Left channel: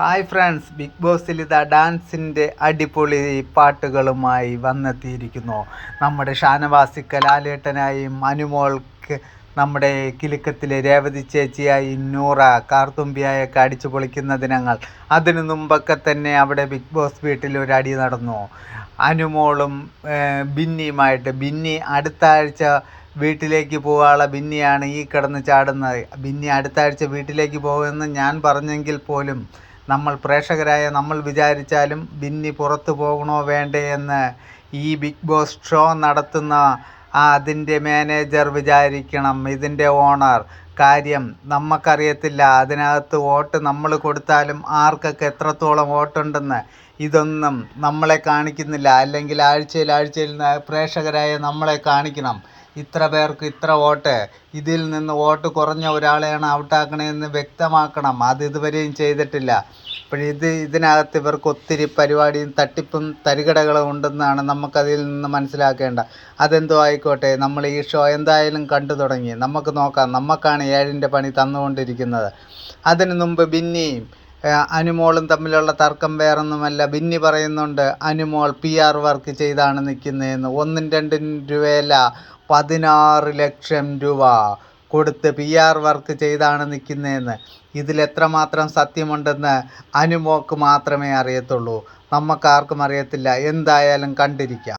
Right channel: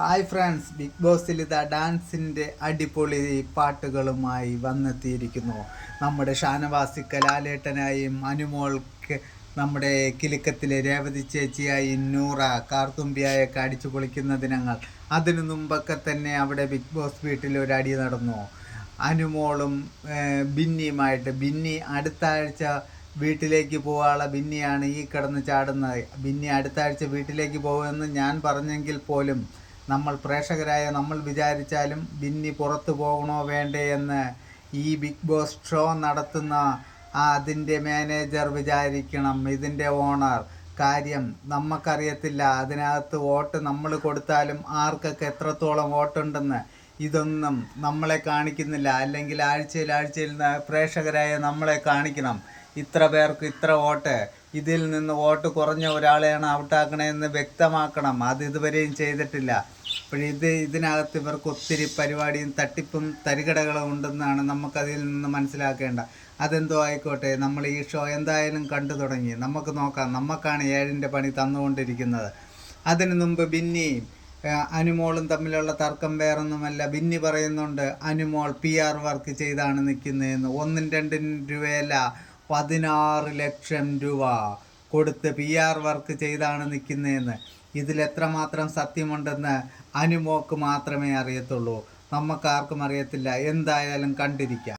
Hi friends, big ബോസിൽ ഇതാ ഡാൻസിൻ്റെ അടിപൊളി പാട്ടുകളുമായി വന്നെത്തിയിരിക്കുന്നു. നമ്മുടെ ഷാനവാസി കലാലേട്ടനായും അനുമോൾക്ക് നമ്മുടെ കിലുക്കത്തിലെ രേവതി ചേച്ചിയായി നൂറ കാർത്തുമ്പിയായൊക്കെ അടിച്ചു പൊളിക്കുന്ന ദിനങ്ങൾ. അതിനു മുമ്പൊക്കെ തന്നെ അവിടെ ബിഗ് ബോസ് വീട്ടിൽ ഒരു അടി നടന്നു. അനുമോളും ബിന്നിയുമായിട്ട്. ബിന്നി അടുത്ത ആഴ്ച വീട്ടിലേക്ക് പോകാനുള്ള ബിന്നിയാണ് ഈ കിടന്ന് ചാടുന്നത്. ബിന്നി അടുത്ത ആഴ്ച വീട്ടിലേക്ക് പോകുമെന്ന് ഞാൻ പറഞ്ഞെങ്കിൽ പോലും നമ്മൾ പ്രേക്ഷകരായ നമ്മൾ വിചാരിച്ചാലും ബിന്നി പുറത്തു പോകണോ വേണ്ടേ എന്ന് ഈ ബിഗ് ബോസ് ഷോ നടത്തുന്ന അതിൻ്റെ മാനേജർ വിചാരിക്കണം, ഇതിൻ്റെ ഓണർ. കാര്യം നമുക്കറിയത്തില്ല അതിനകത്ത് വോട്ട് നമ്മൾ കൊടുത്താലും ആർക്കൊക്കെ എത്രത്തോളം വോട്ടുണ്ടെന്ന്. ഇതൊന്നും നമ്മളെ കാണിക്കുന്നില്ല. അല്ലെങ്കിൽ ആഴ്ചയിൽ പ്രേക്ഷകരായ നമ്മളെ കാണിക്കണം. ഇത്ര പേർക്ക് ഇത്ര വോട്ട്, ഇതിൽ നിന്ന് വോട്ട് കുറഞ്ഞ ഒരാളെയാണ് ഔട്ടാക്കണമെന്ന് വ്യക്തമാക്കണം. അത് ഇതുവരെയും ചെയ്തിട്ടില്ല. ഇതിനകത്ത് ഇവർക്ക് ഒത്തിരി പരിപാടിയും തട്ടിപ്പും തരികടകളും ഉണ്ടെന്നാണ് നമുക്കതിൽ നിന്ന് മനസ്സിലാക്കേണ്ട. അതെന്തോ ആയിക്കോട്ടെ, നമ്മൾ ഈ ഷോ എന്തായാലും കണ്ടു തുടങ്ങി. നമുക്ക് നോക്കാം. നമുക്കാണ് 7ൻ്റെ പണി തന്നുകൊണ്ടിരിക്കുന്നത്. അതിനു മുമ്പ് ബിന്നിയും അനുമോളും തമ്മിലുള്ള തർക്കം വേറൊന്നുമല്ല. ബിന്നി പറയുന്നുണ്ട് അനുമോൾ PR വർക്ക് ചെയ്താണ് നിൽക്കുന്നതെന്ന്. 1-2 രൂപയല്ല, 16 ലക്ഷം രൂപ കൊടുത്ത് PR വർക്ക് ചെയ്താണ് നിൽക്കുന്നതെന്ന്. ഇതിലെത്രമാത്രം സത്യമുണ്ടെന്ന് അനുമോൾക്ക് മാത്രമേ അറിയത്തുള്ളൂ. നമുക്കാർക്കും അറിയത്തില്ല. എന്തായാലും കണ്ടിരിക്കാം.